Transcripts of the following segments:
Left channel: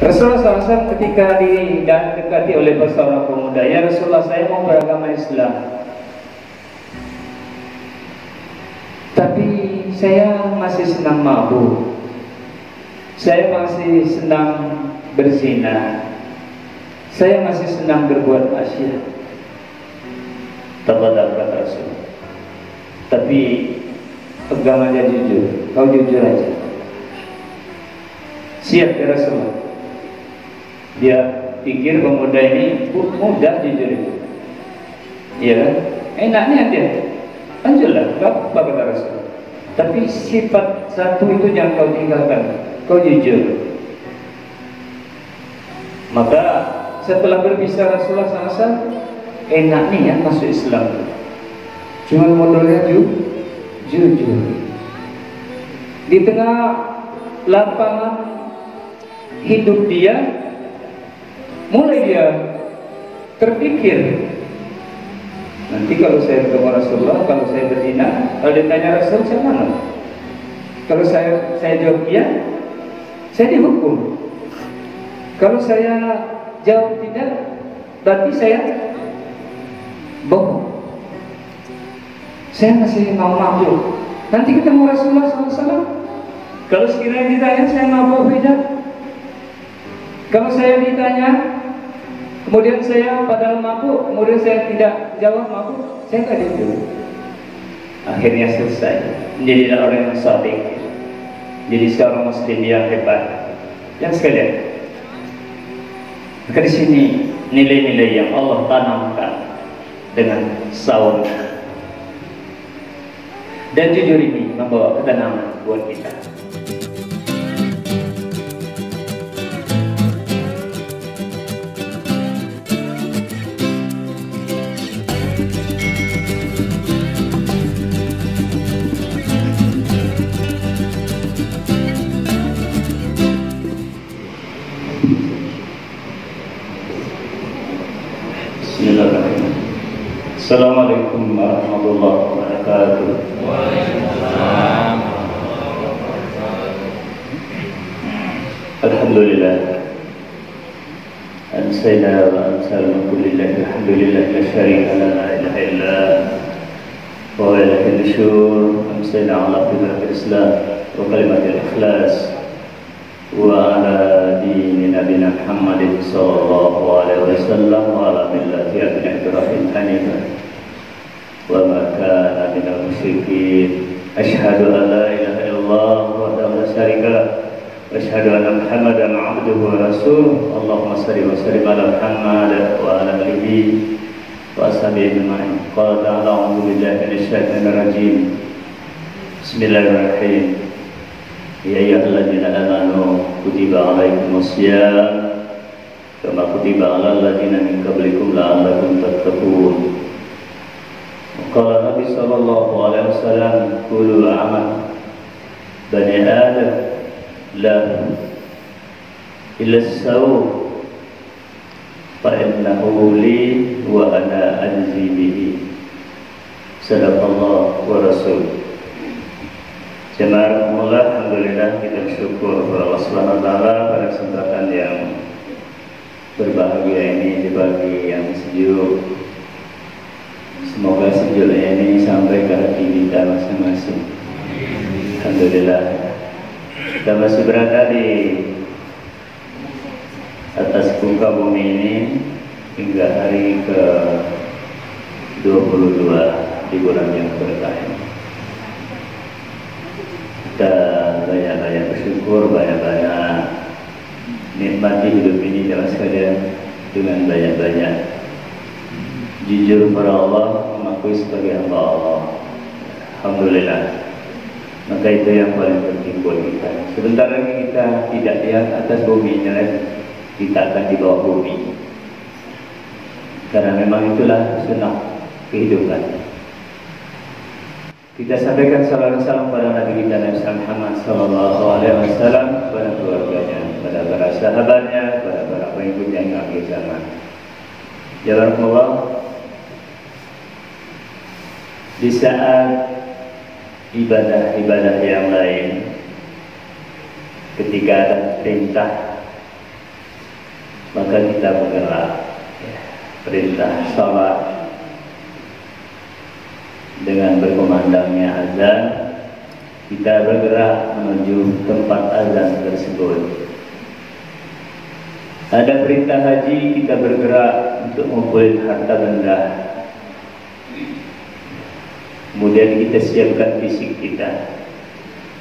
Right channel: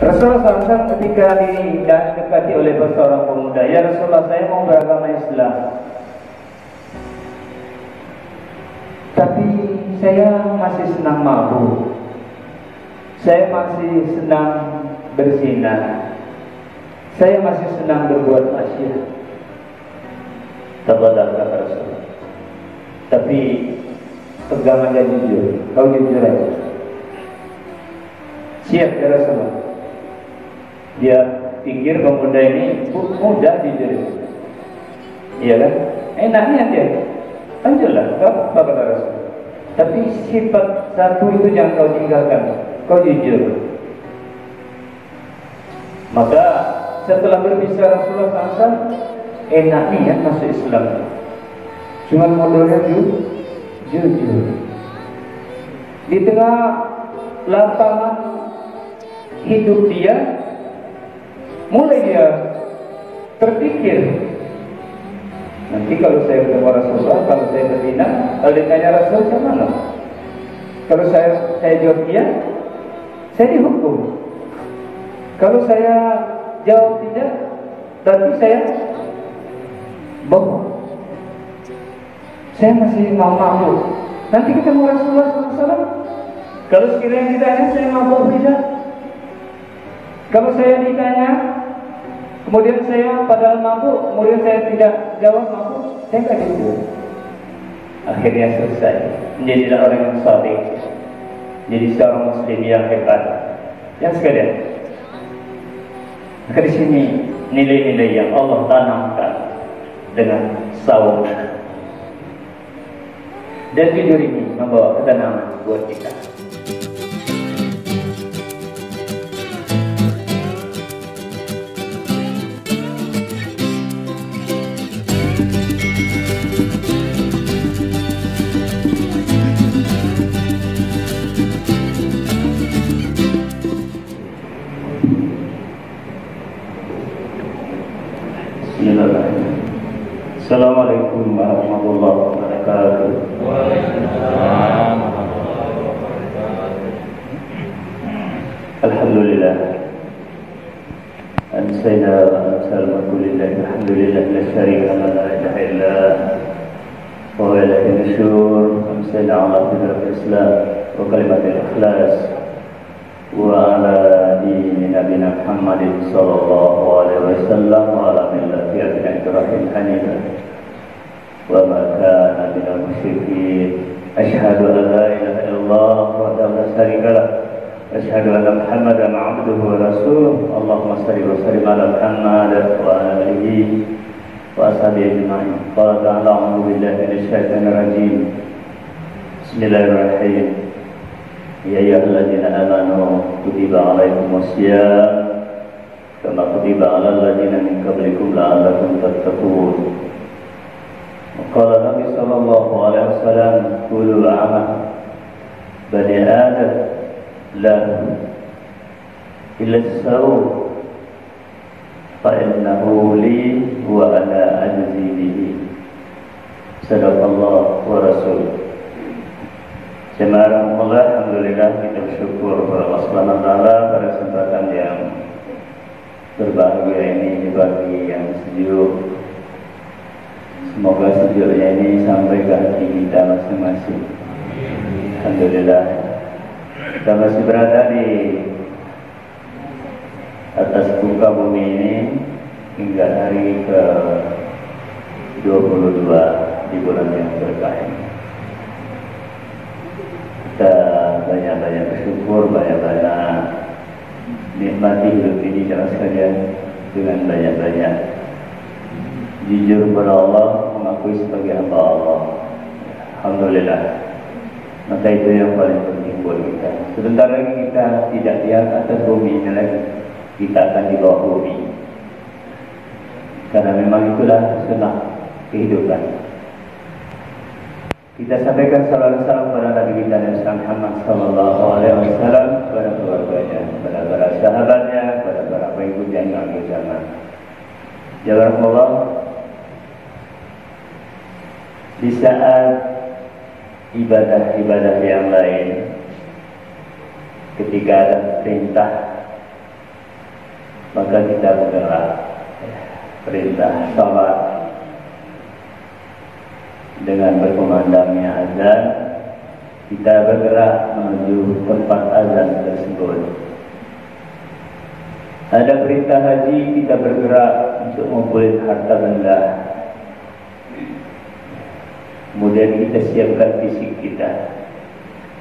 Rasulullah SAW ketika didekati oleh seorang pemuda, "Ya Rasulullah, saya mau beragama Islam, tapi saya masih senang mabuk, saya masih senang berzina, saya masih senang berbuat maksiat." Tafadhal kata Rasulullah, "Tapi agamanya jujur, kau jujur aja." Siap ya Rasulullah. Dia pikir pemuda ini mudah jujur, iya kan? Enaknya dia, lanjutlah, apa kata Rasul. Tapi sifat satu itu yang kau tinggalkan, kau jujur. Maka setelah berpisah Rasulullah SAW, enaknya ya masuk Islam, cuma modalnya jujur. Di tengah lapangan hidup dia, mulai dia terpikir, nanti kalau saya bertemu Rasulullah, kalau saya berzina, kalau ditanya Rasul, saya mana? Kalau saya jawab iya, saya dihukum. Kalau saya jawab tidak, berarti saya bohong. Saya masih mau mabuk. Nanti ketemu Rasulullah SAW, kalau sekiranya ditanya saya mabuk tidak, kalau saya ditanya kemudian saya padahal mabuk, kemudian saya tidak jawab mabuk, saya nggak jujur. Akhirnya selesai. Menjadilah orang yang shadiq, jadi seorang muslim yang hebat. Yang sekalian, maka di sini nilai-nilai yang Allah tanamkan dengan saum dan jujur ini membawa ketenangan buat kita. Assalamualaikum warahmatullahi wabarakatuh. Waalaikumsalam warahmatullahi wabarakatuh. Alhamdulillah. Amsayna wa amsal kullillahi alhamdulillah la syarika la ilaha illa wa la ilaha nusyur. Amsayna ala fitratil Islam wa kalimatil ikhlas wa ala dini nabiyina Muhammadin sallallahu alaihi wasallam wa ala millati Ibrahim hanifan wa ma kana minal musyrikin. Asyhadu an la ilaha illallah wahdahu la syarika lah, asyhadu anna Muhammadan abduhu wa rasuluh. Allahumma shalli wa sallim ala Muhammad wa ala alihi wa ashabihi ajma'in. Qala ta'ala a'udzu billahi minasy syaithanir rajim. Bismillahirrahmanirrahim. Ya ayyuhalladzina amanu kutiba 'alaikumus syiyam kama kutiba 'alal ladzina min qablikum la'allakum tattaqun. Qala Nabi sallallahu alaihi wasallam, kullu amal bani adam la illa as-sawm fa innahu li wa ana ajzi bihi. Sadaqallahu wa rasul. Jemaah alhamdulillah, kita bersyukur kepada Allah Subhanahu wa taala pada kesempatan yang berbahagia ini di pagi yang sejuk. Semoga sejuknya ini sampai ke hati kita masing-masing. Alhamdulillah, kita masih berada di atas muka bumi ini hingga hari ke-22 di bulan yang berkah ini. Kita banyak-banyak bersyukur, banyak-banyak nikmati hidup ini jangan sekalian dengan banyak-banyak jujur kepada Allah, mengakui sebagai hamba Allah. Alhamdulillah. Maka itu yang paling penting buat kita. Sebentar lagi kita tidak lihat atas bumi ini lagi, kita akan di bawah bumi. Karena memang itulah sunnah kehidupan. Kita sampaikan salam kepada Nabi kita Nabi Muhammad sallallahu alaihi wasallam, kepada keluarganya, kepada para sahabatnya, kepada para pengikutnya yang akhir zaman. Ya Allah, di saat ibadah-ibadah yang lain, ketika ada perintah maka kita bergerak. Perintah salat dengan berkumandangnya azan, kita bergerak menuju tempat azan tersebut. Ada perintah haji, kita bergerak untuk mengumpulkan harta benda. Kemudian kita siapkan fisik kita.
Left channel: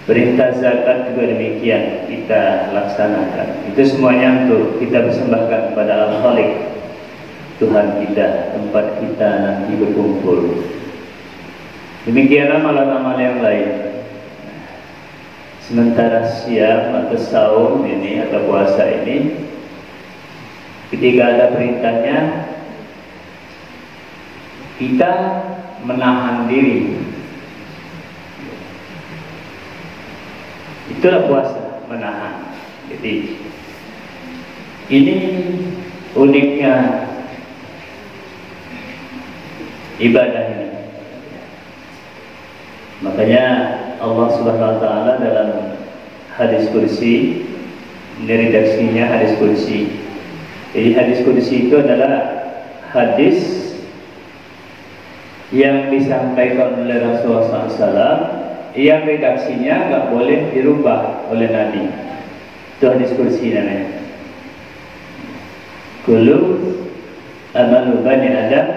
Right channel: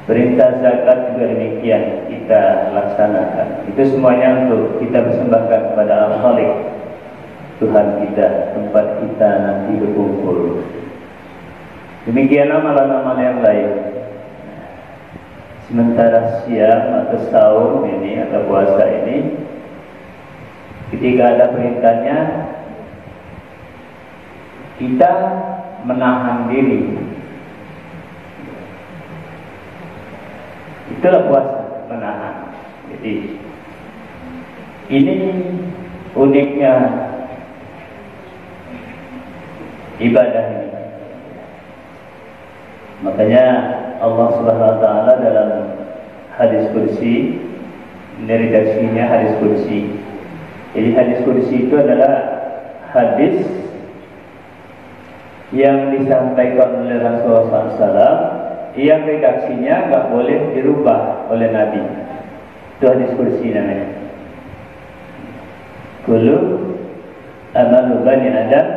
Perintah zakat juga demikian, kita laksanakan. Itu semuanya untuk kita persembahkan kepada Al-Khaliq, Tuhan kita, tempat kita nanti berkumpul. Demikian amalan-amalan yang lain. Sementara siam atau saum ini atau puasa ini, ketika ada perintahnya, kita menahan diri. Itulah puasa, menahan. Jadi ini uniknya ibadah ini. Makanya Allah Subhanahu wa taala dalam hadis kursi, ini redaksinya hadis kursi. Jadi hadis kursi itu adalah hadis yang disampaikan oleh Rasulullah SAW, yang redaksinya nggak boleh dirubah oleh Nabi. Itu hadis kursi namanya. Kullu amalu bani Adam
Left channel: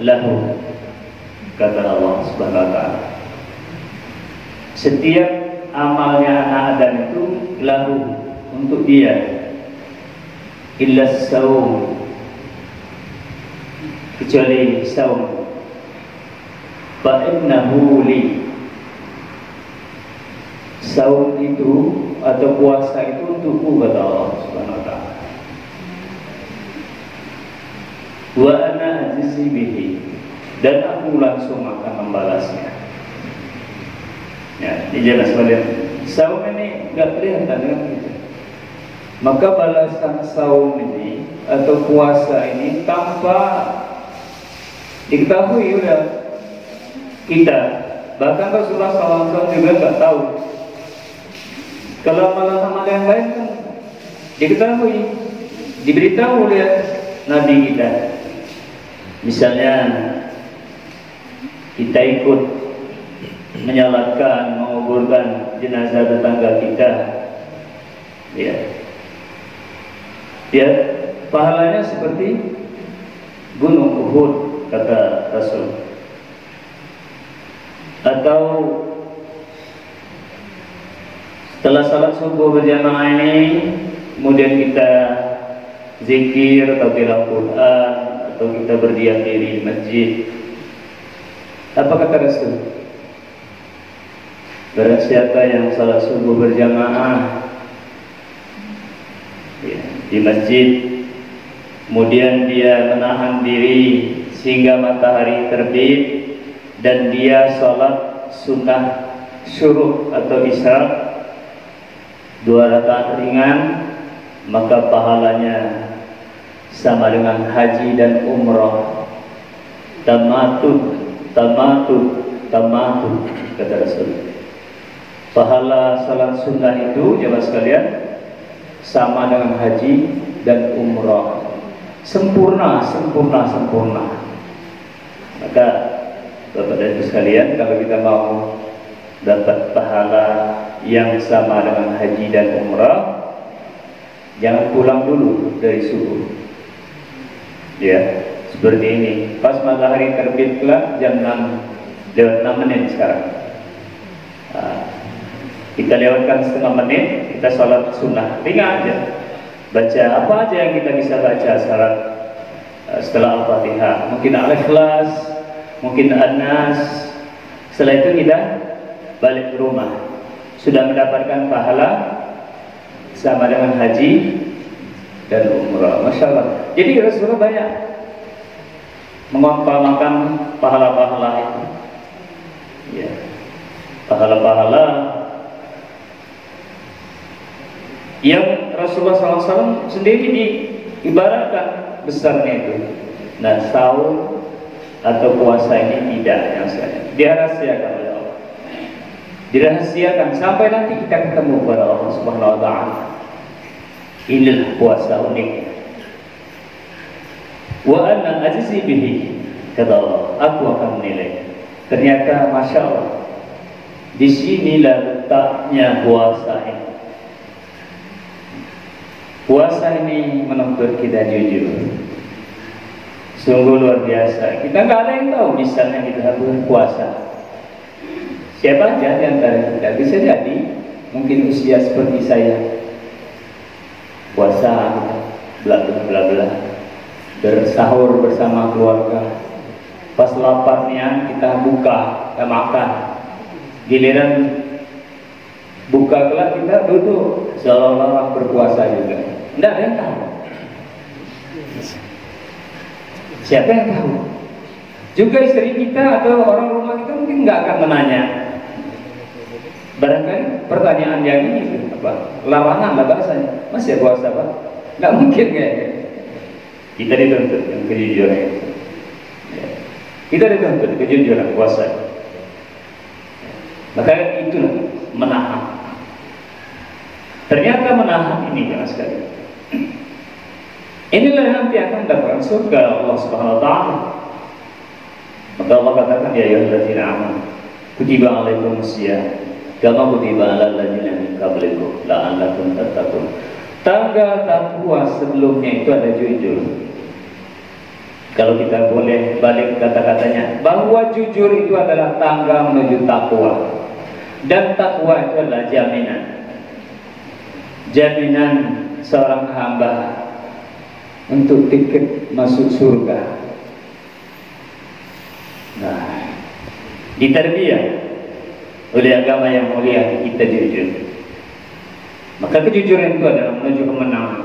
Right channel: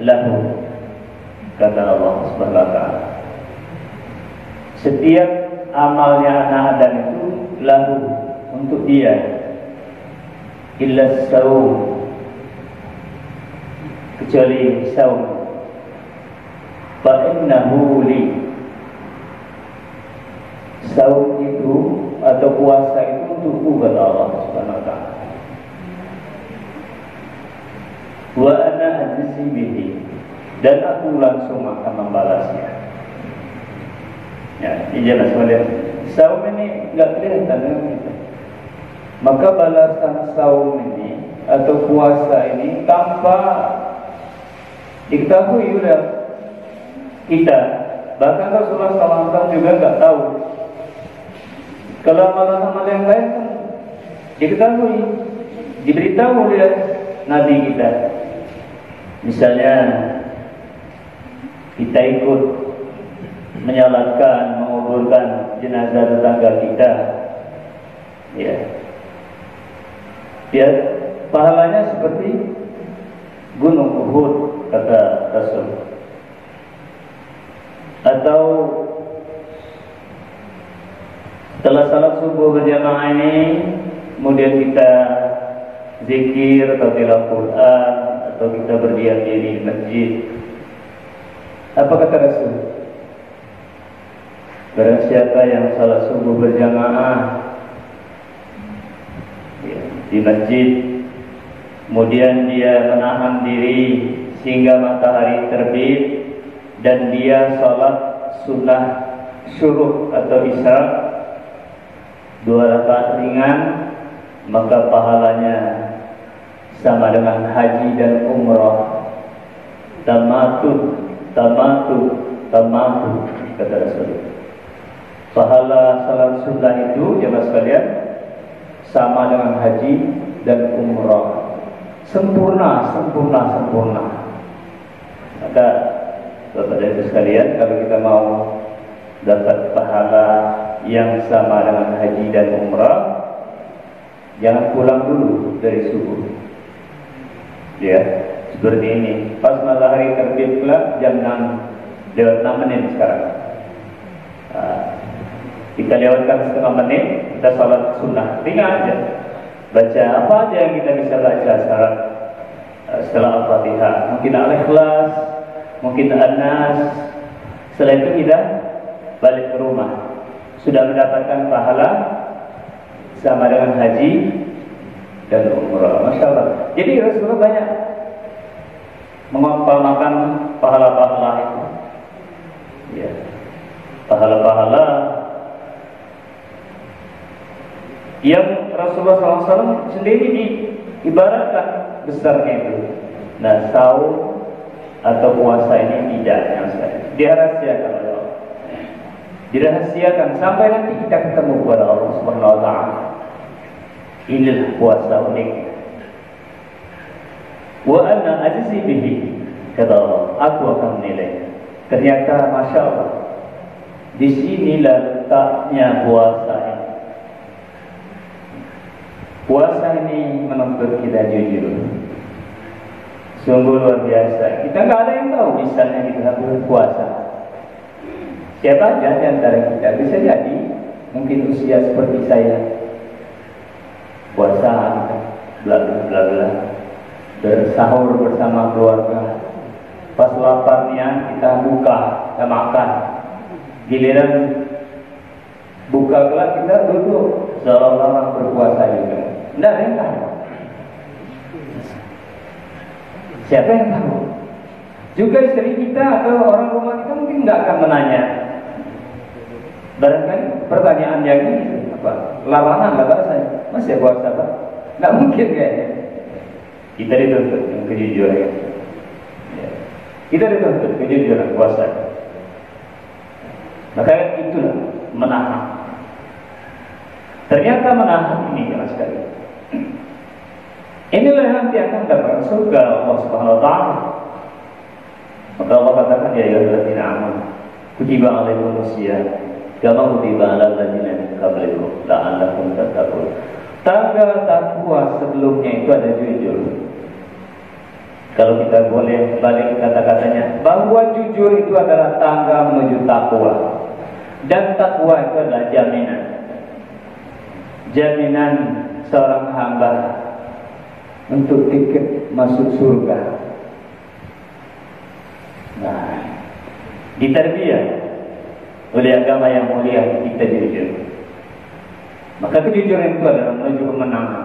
lahu, kata Allah Subhanahu wa taala. Setiap amalnya anak Adam itu lahu, untuk dia, illa saum, kecuali saum. Fa innahu li, saum itu atau puasa itu untukku, kata Allah Subhanahu wa taala. Wa ana ajzi bihi, dan aku langsung akan membalasnya. Ya, ini jelas sekalian. Saum ini nggak kelihatan dengan kita. Maka balasan saum ini atau puasa ini tanpa diketahui oleh kita. Bahkan Rasulullah SAW juga nggak tahu. Kalau amalan-amalan yang lain kan diketahui, diberitahu oleh Nabi kita. Misalnya kita ikut menyalatkan, menguburkan jenazah tetangga kita, ya, pahalanya seperti gunung Uhud, kata Rasul. Atau setelah salat subuh berjamaah ini, kemudian kita zikir atau tilawah Quran, atau kita berdiam diri di masjid. Apa kata Rasul? Barang siapa yang salat subuh berjamaah di masjid, kemudian dia menahan diri sehingga matahari terbit, dan dia salat sunnah syuruk atau isya 2 rakaat ringan, maka pahalanya sama dengan haji dan umrah. Tamatut, kata Rasul. Pahala salat sunnah itu, jemaah sekalian, sama dengan haji dan umrah. Sempurna. Maka Bapak dan Ibu sekalian, kalau kita mau dapat pahala yang sama dengan haji dan umrah, jangan pulang dulu dari subuh. Ya, seperti ini. Pas matahari terbit kelak jam 6 lewat 6 menit sekarang. Kita lewatkan setengah menit, kita sholat sunnah ringan aja. Baca apa aja yang kita bisa baca setelah Al-Fatihah. Mungkin Al-Ikhlas, mungkin An-Nas. Setelah itu kita balik ke rumah, sudah mendapatkan pahala sama dengan haji dan umrah. Masya Allah. Jadi Rasulullah banyak mengamalkan pahala-pahala itu. Ya, pahala-pahala yang Rasulullah SAW sendiri diibaratkan besarnya itu. Nah, saum atau puasa ini tidak, dirahasiakan oleh Allah. Dirahasiakan sampai nanti kita ketemu kepada Allah Subhanahu wa taala. Inilah puasa uniknya. Wa ana ajzi bihi, kata Allah, aku akan menilai. Ternyata masya Allah, disinilah letaknya puasa ini. Puasa ini menuntut kita jujur. Sungguh luar biasa. Kita nggak ada yang tahu misalnya kita berpuasa. Siapa aja di antara kita, bisa jadi mungkin usia seperti saya, puasa, bla bla bla bla, bersahur bersama keluarga. Pas laparnya kita buka, kita makan. Giliran buka gelap kita duduk seolah-olah orang berpuasa juga. Tidak ada yang tahu. Siapa yang tahu? Juga istri kita atau orang rumah kita mungkin nggak akan menanya. Barangkali pertanyaan dia ini apa? Larangan lah bahasanya. Masih puasa Pak? Nggak mungkin kayaknya. Kita dituntut kejujuran. Kita dituntut kejujuran puasa. Maka itulah menahan. Ternyata menahan ini jangan sekali. Inilah yang nanti akan dapat surga Allah Subhanahu wa taala. Maka Allah katakan ya ayyuhalladzina amanu kutiba alaikumusiyam kama kutiba alal ladzina min qablikum la'allakum tattaqun. Tangga takwa sebelumnya itu ada jujur. Kalau kita boleh balik kata-katanya, bahwa jujur itu adalah tangga menuju takwa. Dan takwa itu adalah jaminan. Jaminan seorang hamba untuk tiket masuk surga. Nah, ditarbiyah oleh agama yang mulia kita jujur. Maka kejujuran itu adalah menuju kemenangan.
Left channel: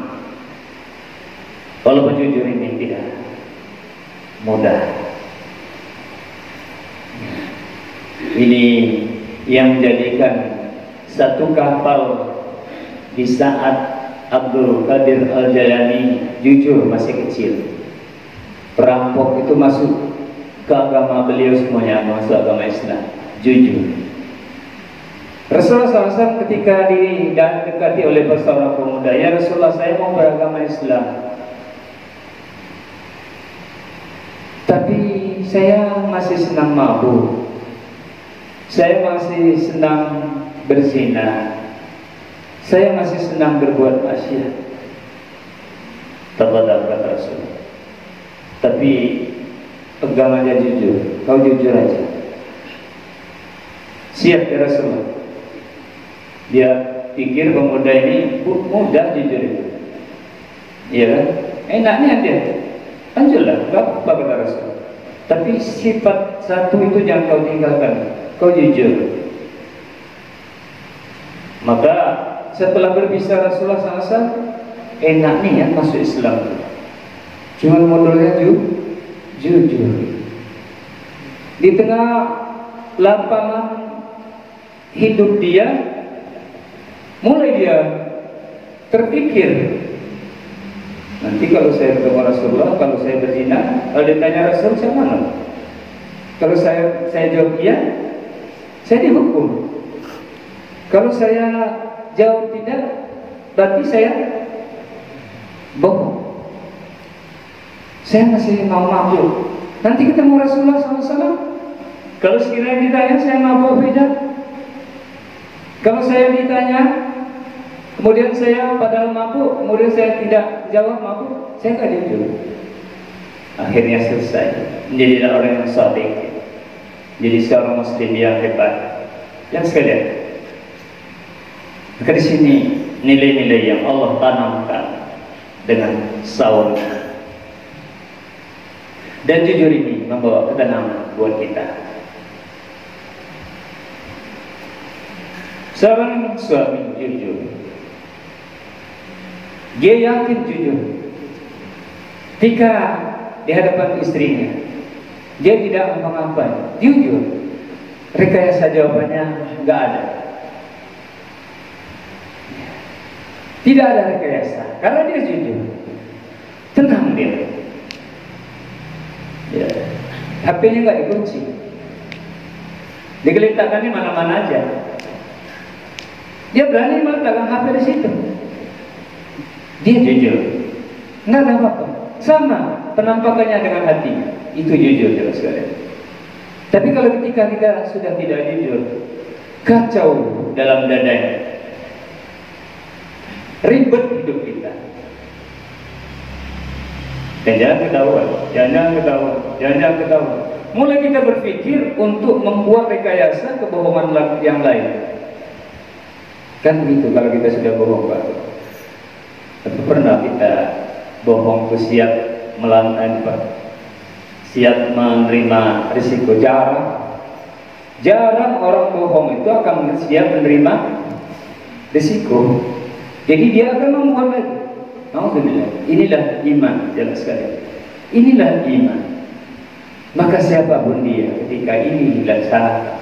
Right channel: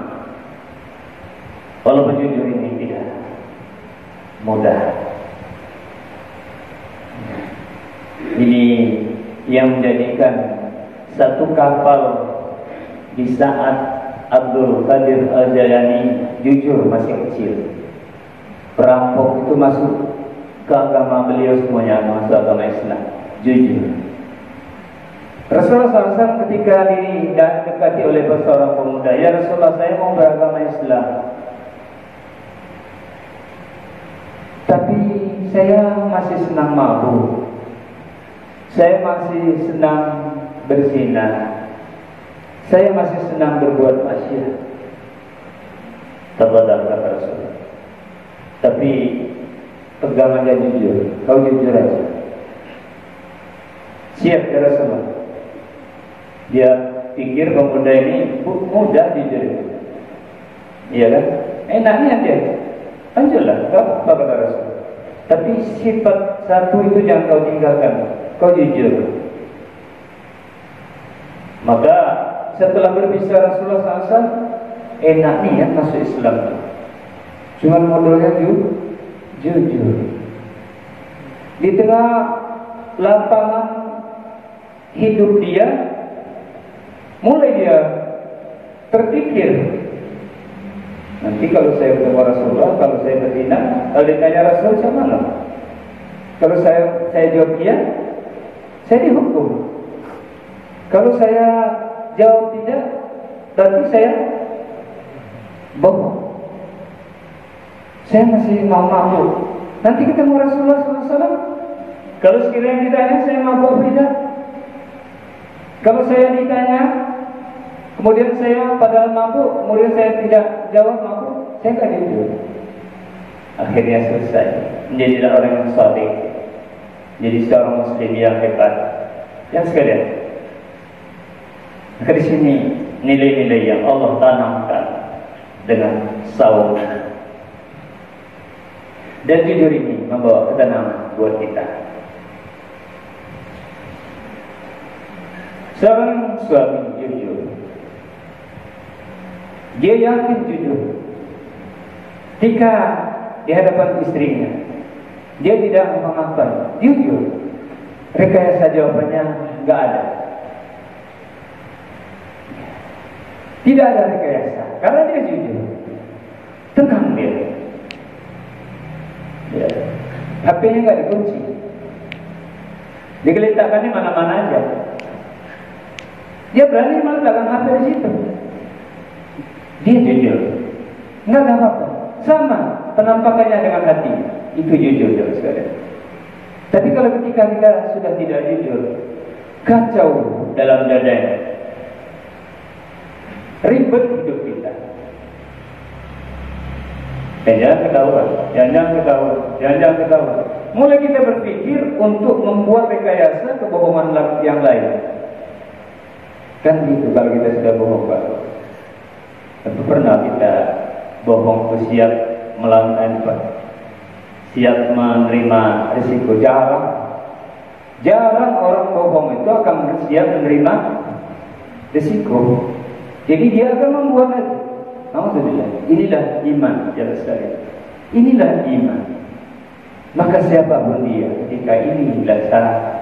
Kalau jujur ini tidak mudah. Ini yang menjadikan satu kapal di saat Abdul Qadir Al-Jalani jujur masih kecil. Perampok itu masuk ke agama beliau semuanya, masuk agama Islam, jujur. Rasulullah SAW ketika didekati oleh seorang pemuda, ya Rasulullah saya mau beragama Islam, tapi saya masih senang mabuk, saya masih senang berzina, saya masih senang berbuat maksiat. Tafadhal kata Rasul. Tapi pegang aja jujur, kau jujur aja. Siap ya Rasulullah. Dia pikir pemuda ini mudah jujur itu. Iya kan? Enaknya dia. Lanjutlah, apa kata Rasul. Tapi sifat satu itu jangan kau tinggalkan, kau jujur. Maka setelah berpisah Rasulullah SAW, enak nih ya masuk Islam. Cuman modalnya jujur. Di tengah lapangan hidup dia, mulai dia terpikir, nanti kalau saya bertemu Rasulullah, kalau saya berzina, kalau ditanya Rasul, saya mana? Kalau saya jawab iya, saya dihukum. Kalau saya jawab tidak, berarti saya bohong. Saya masih mau mabuk. Nanti ketemu Rasulullah SAW, kalau sekiranya ditanya saya mabuk tidak. Kalau saya ditanya, kemudian saya padahal mabuk, kemudian saya tidak jawab mabuk, saya nggak jujur. Akhirnya selesai. Menjadilah orang yang shadiq, jadi seorang muslim yang hebat. Yang sekalian, maka di sini nilai-nilai yang Allah tanamkan dengan saum. Dan jujur ini membawa ketenangan buat kita. Seorang suami jujur, dia yakin jujur. Ketika di hadapan istrinya, dia tidak ngapa-ngapain, jujur. Rekayasa jawabannya nggak ada. Tidak ada rekayasa, karena dia jujur. Tenang dia. Ya. HP-nya nggak dikunci, digeletakkannya mana-mana aja. Dia berani meletakkan HP di situ. Dia jujur, nggak ada apa-apa. Sama penampakannya dengan hati, itu jujur ya sekalian. Tapi kalau ketika kita sudah tidak jujur, kacau dalam dadanya, ribet hidup kita. Dan jangan ketahuan. Mulai kita berpikir untuk membuat rekayasa kebohongan yang lain. Kan gitu kalau kita sudah bohong, Pak. Tapi pernah kita bohong itu siap melawan Pak? Siap menerima risiko? Jarang orang bohong itu akan siap menerima risiko. Jadi dia akan membuat. Alhamdulillah. Inilah iman, jangan sekalian. Inilah iman. Maka siapapun dia ketika ini dilaksanakan,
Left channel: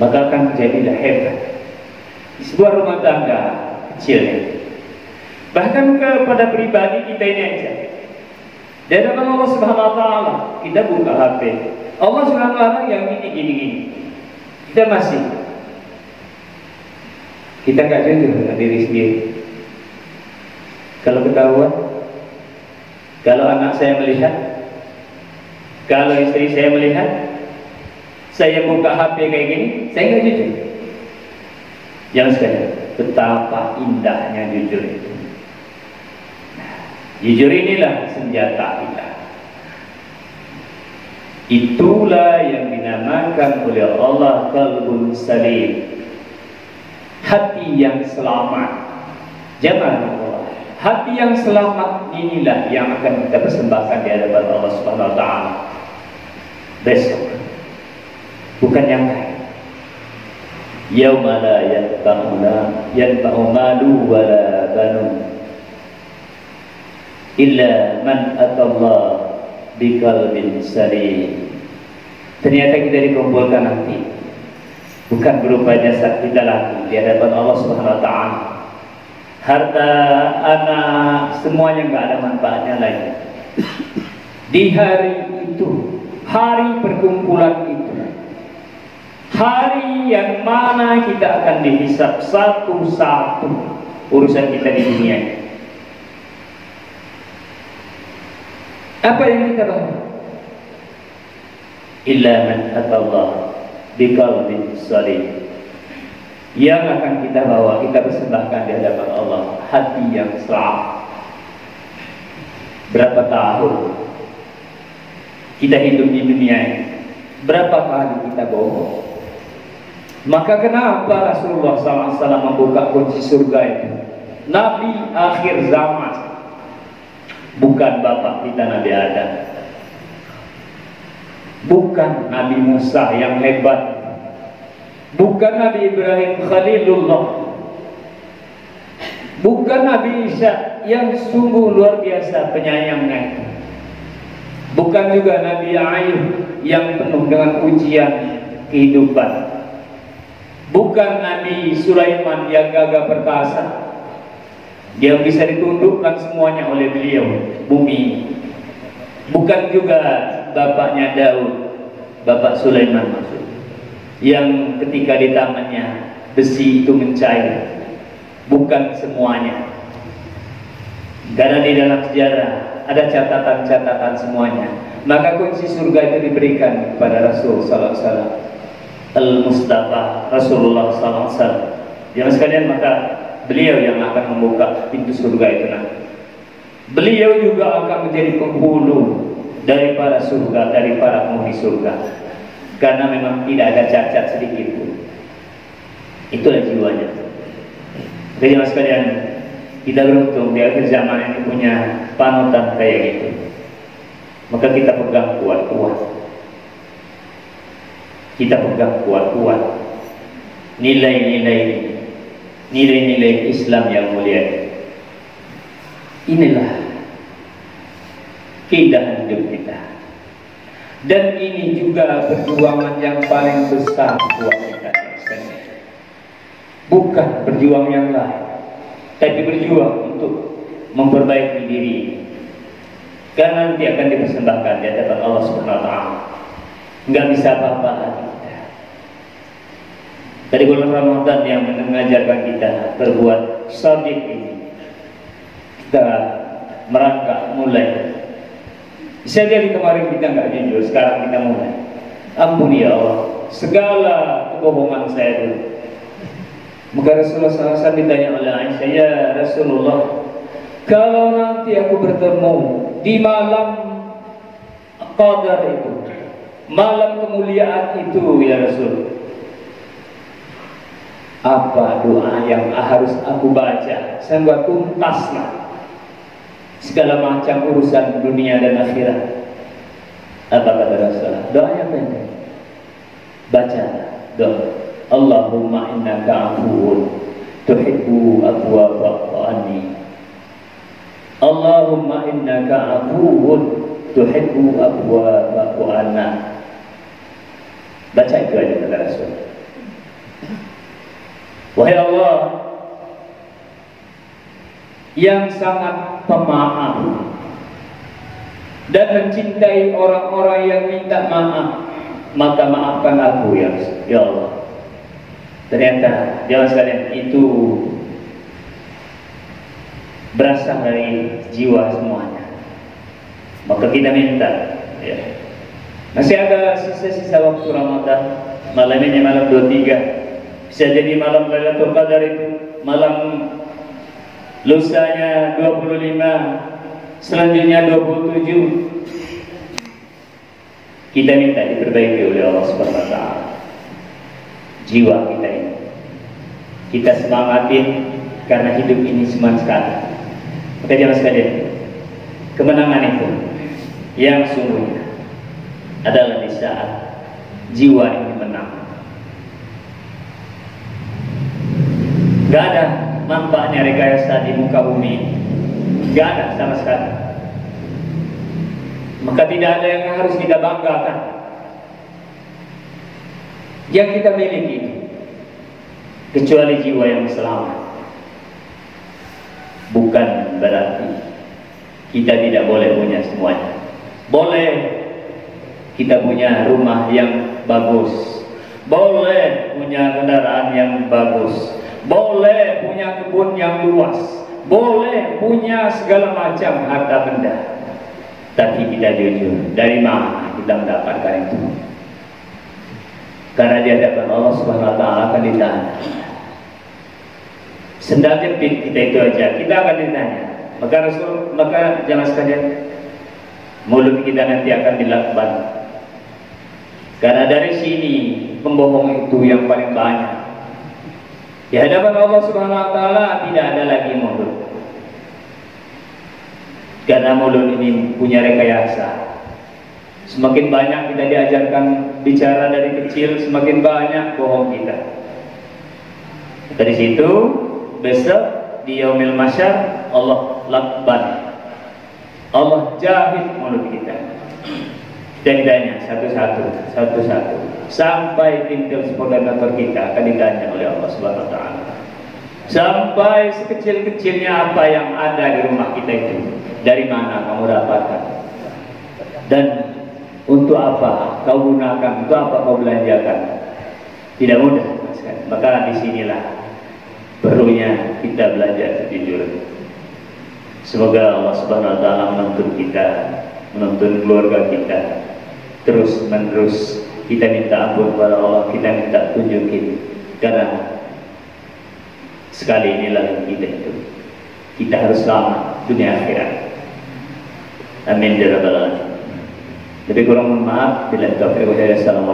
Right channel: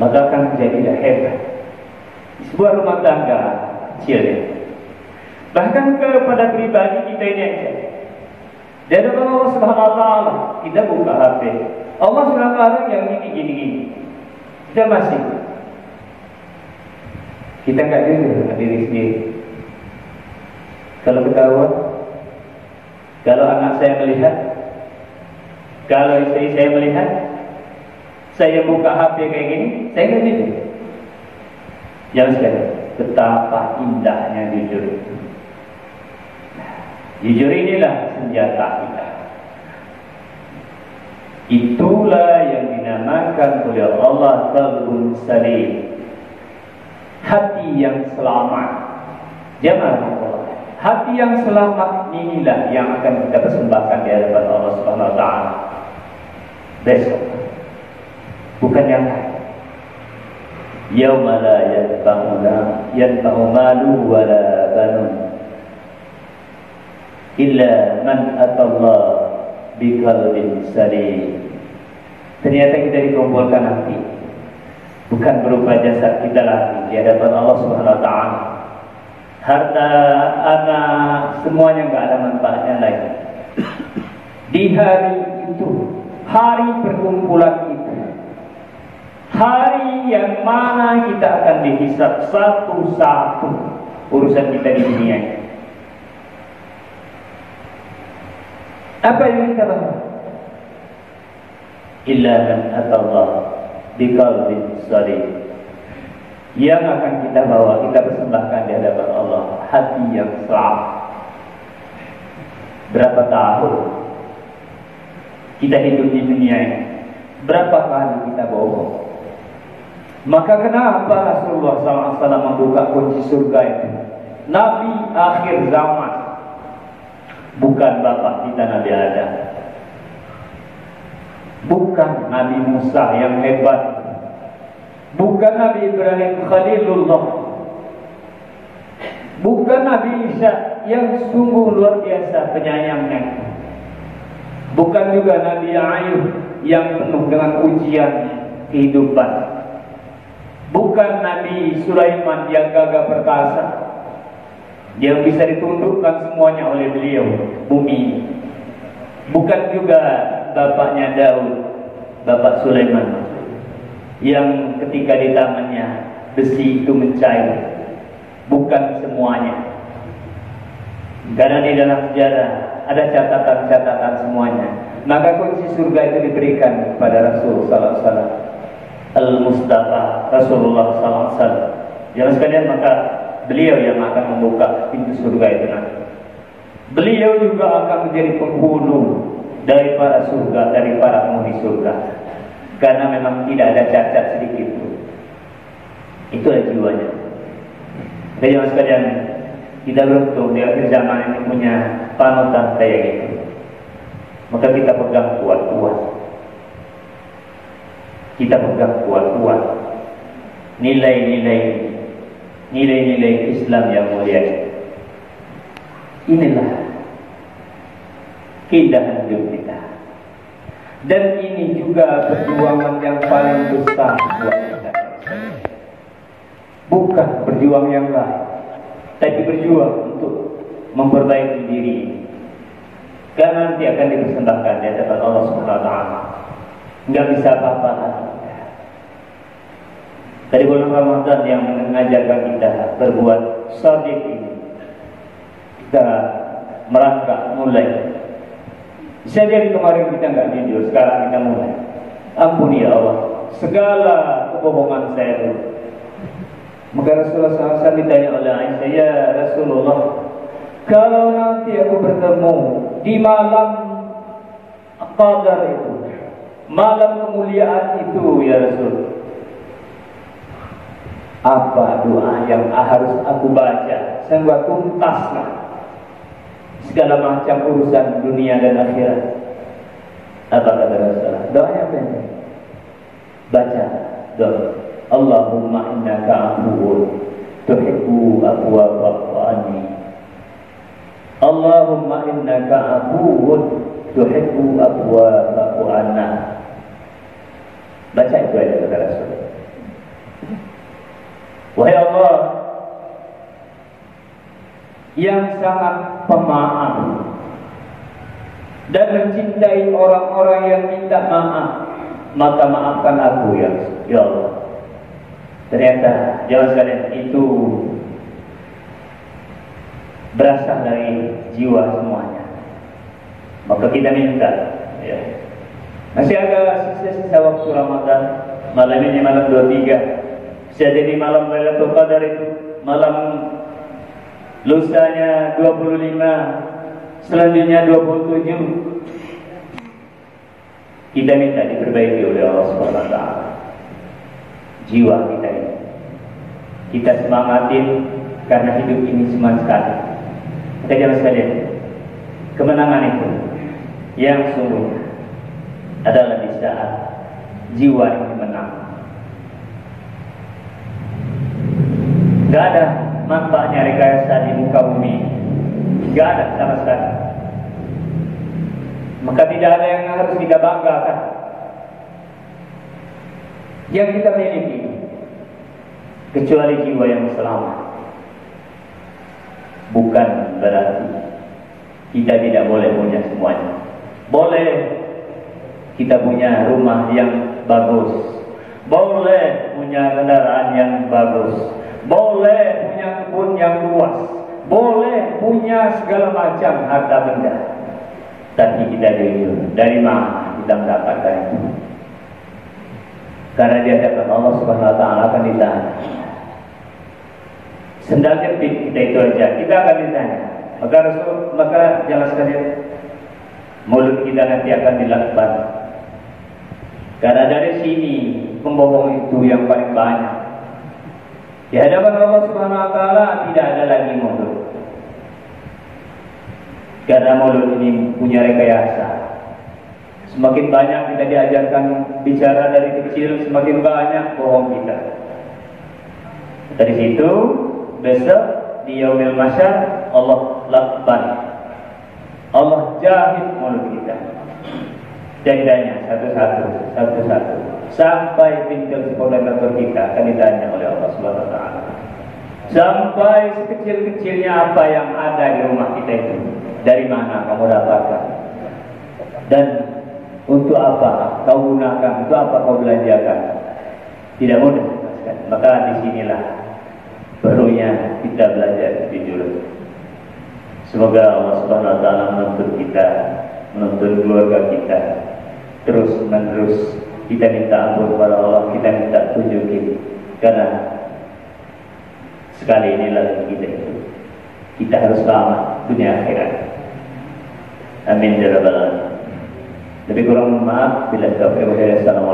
maka akan menjadilah hebat di sebuah rumah tangga kecilnya. Bahkan kepada pribadi kita ini aja. Dan Allah Subhanahu Wa Taala kita buka HP, Allah sudah larang yang gini. Kita masih, kita nggak jujur dengan diri sendiri. Kalau ketahuan, kalau anak saya melihat, kalau istri saya melihat, saya buka HP kayak gini, saya nggak jujur. Yang sekali, betapa indahnya jujur itu. Jujur inilah senjata kita. Itulah yang dinamakan oleh Allah qalbun salim, hati yang selamat. Jangan lupa, hati yang selamat inilah yang akan kita persembahkan di hadapan Allah Subhanahu Wa Taala besok, bukan yang lain. Yauma la yanfa'u malu wala banun illa man atallah biqalbin salim. Ternyata kita dikumpulkan nanti bukan berupa jasad kita lagi di hadapan Allah Subhanahu Wa Taala. Harta, anak, semuanya nggak ada manfaatnya lagi. Di hari itu, hari perkumpulan itu, hari yang mana kita akan dihisab satu-satu urusan kita di dunia. Apa yang kita bawa? Illa man atallah biqalbin salim. Yang akan kita bawa, kita persembahkan di hadapan Allah, hati yang selamat. Berapa tahun kita hidup di dunia ini? Berapa kali kita bohong? Maka kenapa Rasulullah SAW membuka kunci surga itu? Nabi akhir zaman, bukan bapak kita Nabi Adam, bukan Nabi Musa yang hebat, bukan Nabi Ibrahim Khalilullah, bukan Nabi Isa yang sungguh luar biasa penyayangnya, bukan juga Nabi Ayub yang penuh dengan ujian kehidupan, bukan Nabi Sulaiman yang gagah perkasa, yang bisa ditundukkan semuanya oleh beliau, bumi. Bukan juga bapaknya Daud, bapak Sulaiman, yang ketika di tangannya besi itu mencair. Bukan semuanya, karena di dalam sejarah ada catatan-catatan semuanya. Maka kunci surga itu diberikan kepada Rasul Sallallahu Alaihi Wasallam, Al-Mustafa Rasulullah Sallallahu Alaihi Wasallam. Yang sekalian, maka beliau yang akan membuka pintu surga itu nanti. Beliau juga akan menjadi penghulu dari para surga, dari para penghuni surga, karena memang tidak ada cacat sedikit pun. Itulah jiwanya. Jadi mas sekalian, kita beruntung di akhir zaman ini punya panutan kayak gitu. Maka kita pegang kuat-kuat. Kita pegang kuat-kuat nilai-nilai Islam yang mulia. Inilah keindahan hidup kita. Dan ini juga perjuangan yang paling besar buat kita. Bukan berjuang yang lain, tapi berjuang untuk memperbaiki diri. Karena nanti akan dipersembahkan di hadapan Allah Subhanahu Wa Taala. Nggak bisa apa-apa lagi. Dari bulan Ramadan yang mengajarkan kita berbuat shadiq ini, kita merangkak mulai Bisa jadi kemarin kita nggak jujur, sekarang kita mulai. Ampuni ya Allah segala kebohongan saya dulu. Maka Rasulullah SAW ditanya oleh Aisyah, ya Rasulullah, kalau nanti aku bertemu di malam Qadar itu, malam kemuliaan itu ya Rasul, apa doa yang harus aku baca sehingga tuntaslah segala macam urusan dunia dan akhirat? Apa kata Rasulullah? Doanya pendek. Baca doa, Allahumma innaka afuwun tuhibbu afwa fa'fu anni. Allahumma innaka afuwun tuhibbu afwa fa'fu anna. Baca itu aja kata Rasul. Wahai Allah yang sangat pemaaf dan mencintai orang-orang yang minta maaf, maka maafkan aku ya Allah. Ternyata jangan sekalian itu berasal dari jiwa semuanya. Maka kita minta ya. Masih ada sisa-sisa waktu Ramadan. Malam ini malam 23, bisa jadi malam Lailatul Qadar itu malam lusanya 25, selanjutnya 27. Kita minta diperbaiki oleh Allah Subhanahu wa taala jiwa kita ini. Kita semangatin karena hidup ini cuma sekali. Maka jangan sekalian, kemenangan itu yang sungguhnya adalah di saat jiwa ini menang. Gak ada manfaatnya rekayasa di muka bumi, gak ada sama sekali. Maka tidak ada yang harus kita banggakan. Yang kita miliki kecuali jiwa yang selamat. Bukan berarti kita tidak boleh punya semuanya. Boleh kita punya rumah yang bagus, boleh punya kendaraan yang bagus, boleh punya kebun yang luas, boleh punya segala macam harta benda. Tapi kita jujur, dari mana kita mendapatkan itu? Karena di hadapan Allah Subhanahu wa taala akan ditanya. Sendal jepit kita itu aja, kita akan ditanya. Maka jangan sekalian mulut kita nanti akan dilakban. Karena dari sini pembohong itu yang paling banyak. Di hadapan Allah Subhanahu wa taala tidak ada lagi mulut. Karena mulut ini punya rekayasa. Semakin banyak kita diajarkan bicara dari kecil, semakin banyak bohong kita. Dari situ besok di yaumil mahsyar Allah lakban, Allah jahit mulut kita. Dan ditanya satu-satu sampai tinggal sepolemator kita akan ditanya oleh Allah Subhanahu wa taala. Sampai sekecil-kecilnya apa yang ada di rumah kita itu, dari mana kamu dapatkan? Dan untuk apa kau gunakan? Untuk apa kau belanjakan? Tidak mudah. Maka disinilah perlunya kita belajar jujur. Semoga Allah Subhanahu wa taala menuntun kita, menuntun keluarga kita. Terus menerus kita minta ampun kepada Allah, kita minta tunjukin. Karena sekali inilah kita itu. Kita harus selamat dunia akhirat. Amin ya rabbal alamin. Lebih kurang mohon maaf. Bila taufiq wa hidayah. Assalamualaikum.